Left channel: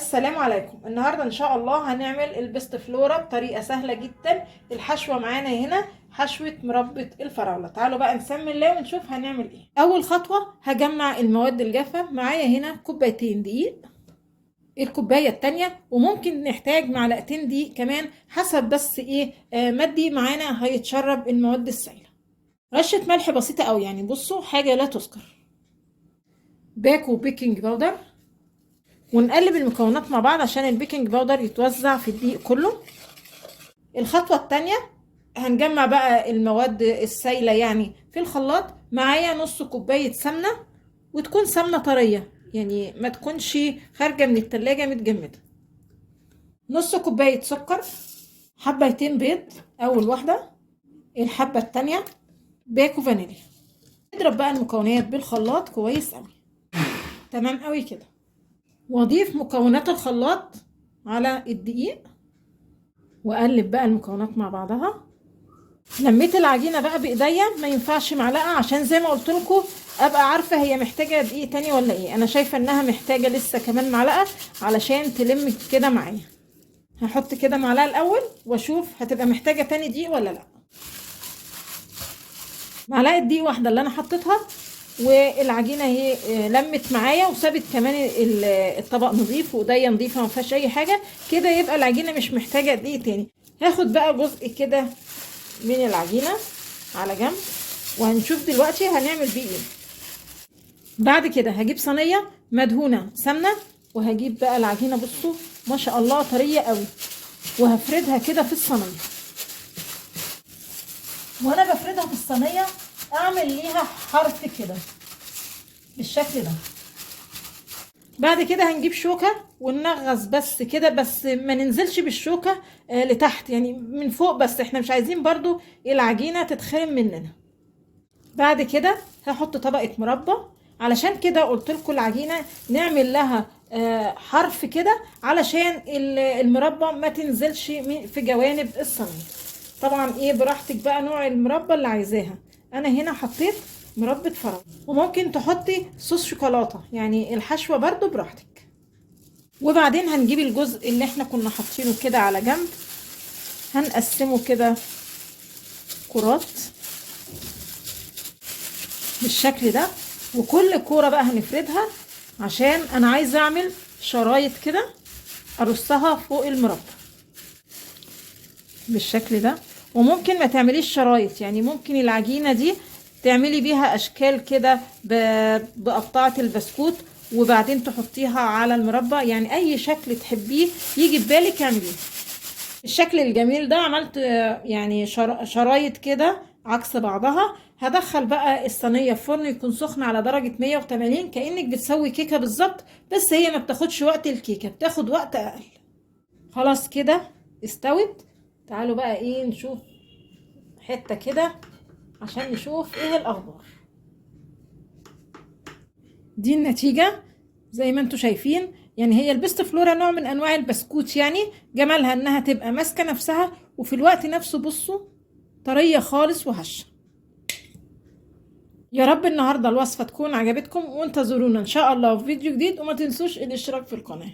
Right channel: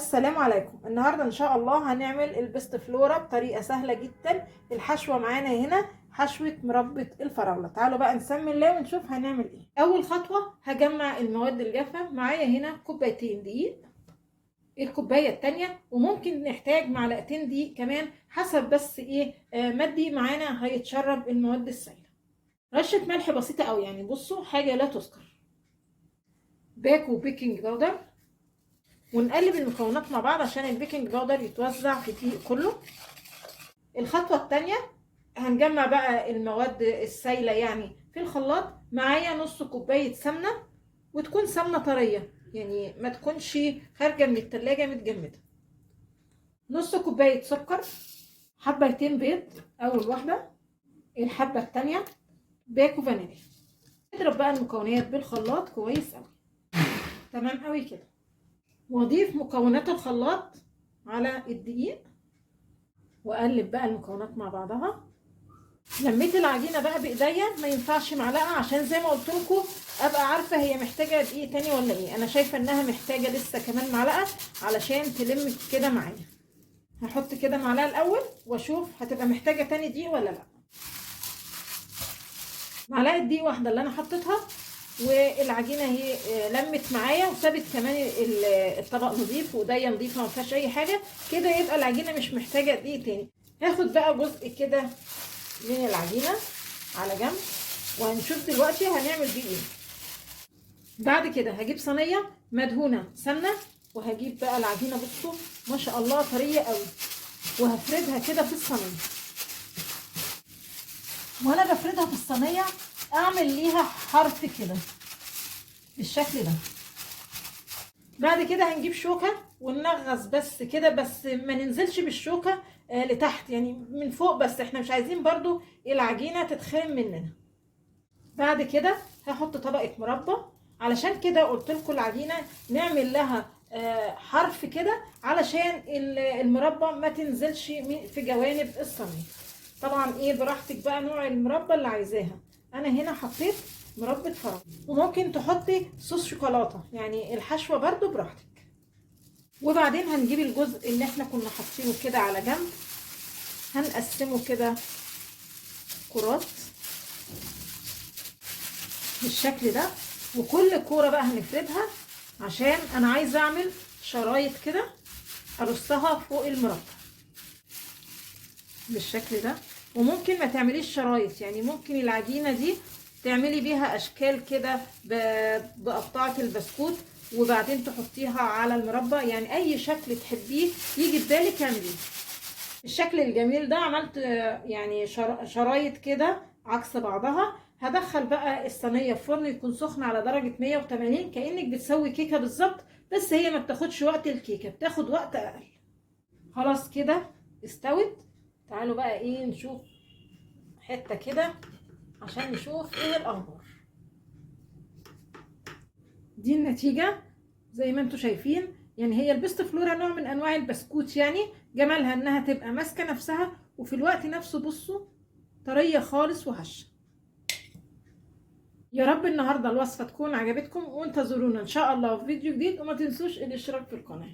السلام عليكم. النهارده ان شاء الله هنعمل البيست فلورا بطريقه سهله جدا. الحشوه معانا هنا حشوه مربى الفراوله. تعالوا بقى نسمي الله ونشوف هنعمل ايه. اول خطوه هجمع المواد الجافه. معايا هنا كوبايتين دقيق، الكوبايه التانية، وممكن نحتاج معلقتين دقيق كمان حسب بس ايه ما الدقيق معانا هيتشرب المواد السائله. رشه ملح بسيطه قوي، يعني بصوا حاجه لا تذكر. باكو بيكنج باودر، ونقلب المكونات مع بعض عشان البيكنج باودر يتوزع في الدقيق كله. الخطوة التانية هنجمع بقى المواد السائلة يعني في الخلاط. معايا نص كوباية سمنة، وتكون سمنة طرية يعني ما تكونش خارجة من التلاجة متجمدة. نص كوباية سكر، حبتين بيض اول واحدة، الحبة التانية باكو فانيليا. نضرب بقى المكونات بالخلاط كويس قوي، تمام قوي كده. واضيف مكونات الخلاط على الدقيق واقلب بقى المكونات مع بعضها. لميت العجينه بقى بايديا، ما ينفعش معلقه عشان زي ما قلت لكم ابقى عارفه هي محتاجه دقيق تاني ولا ايه. انا شايفه انها محتاجه لسه كمان معلقه علشان تلم كده معايا. هحط كده معلقه الاول واشوف هتبقى محتاجه تاني دقيق ولا لا. معلقه دقيق واحده اللي انا حطيتها، والعجينه اهي لمت معايا وسابت كمان الطبق نظيف وايديا نظيفه ما فيهاش اي حاجه كده. يبقى العجينه مش محتاجه دقيق تاني. هاخد بقى جزء كده من العجينه على جنب، وهنشوف دلوقتي هنعمل بيه ايه. بعد كده هجيب صينيه مدهونه سمنه، وهجيب بقى العجينه بصوا ما شاء الله طريه قوي، وهفردها كده في الصينيه. وانا بفردها في الصينيه اعمل ليها حرف كده بالشكل ده. بعد كده هنجيب شوكة وننغص بس كده، بس ما ننزلش بالشوكة لتحت، يعني من فوق بس، احنا مش عايزين برضو العجينة تتخرم مننا. بعد كده هحط طبقة مربى. علشان كده قلت لكم العجينة نعمل لها حرف كده علشان المربى ما تنزلش في جوانب الصينية. طبعا ايه براحتك بقى نوع المربى اللي عايزاها. انا هنا حطيت مربى فراولة، وممكن تحطي صوص شوكولاتة، يعني الحشوة برضو براحتك. وبعدين هنجيب الجزء اللي احنا كنا حاطينه كده على جنب، هنقسمه كده كرات بالشكل ده، وكل كورة بقى هنفردها عشان انا عايزة اعمل شرايط كده ارصها فوق المربى بالشكل ده. وممكن ما تعمليش شرايط، يعني ممكن العجينة دي تعملي بيها اشكال كده بقطعة البسكوت وبعدين تحطيها على المربى، يعني اي شكل تحبيه يجي في بالك اعمليه. الشكل الجميل ده عملت يعني شرايط كده عكس بعضها. هدخل بقى الصينية في فرن يكون سخن على درجة 180، كأنك بتسوي كيكة بالظبط، بس هي ما بتاخدش وقت الكيكة، بتاخد وقت اقل. خلاص كده استوت. تعالوا بقى ايه نشوف حتة كده عشان نشوف ايه الاخبار. دي النتيجة زي ما انتوا شايفين. يعني هي البيست فلورا نوع من انواع البسكوت، يعني جمالها انها تبقى ماسكة نفسها وفي الوقت نفسه بصوا طرية خالص وهشة. يا رب النهاردة الوصفة تكون عجبتكم، وانتظرونا ان شاء الله في فيديو جديد، وما تنسوش الاشتراك في القناة.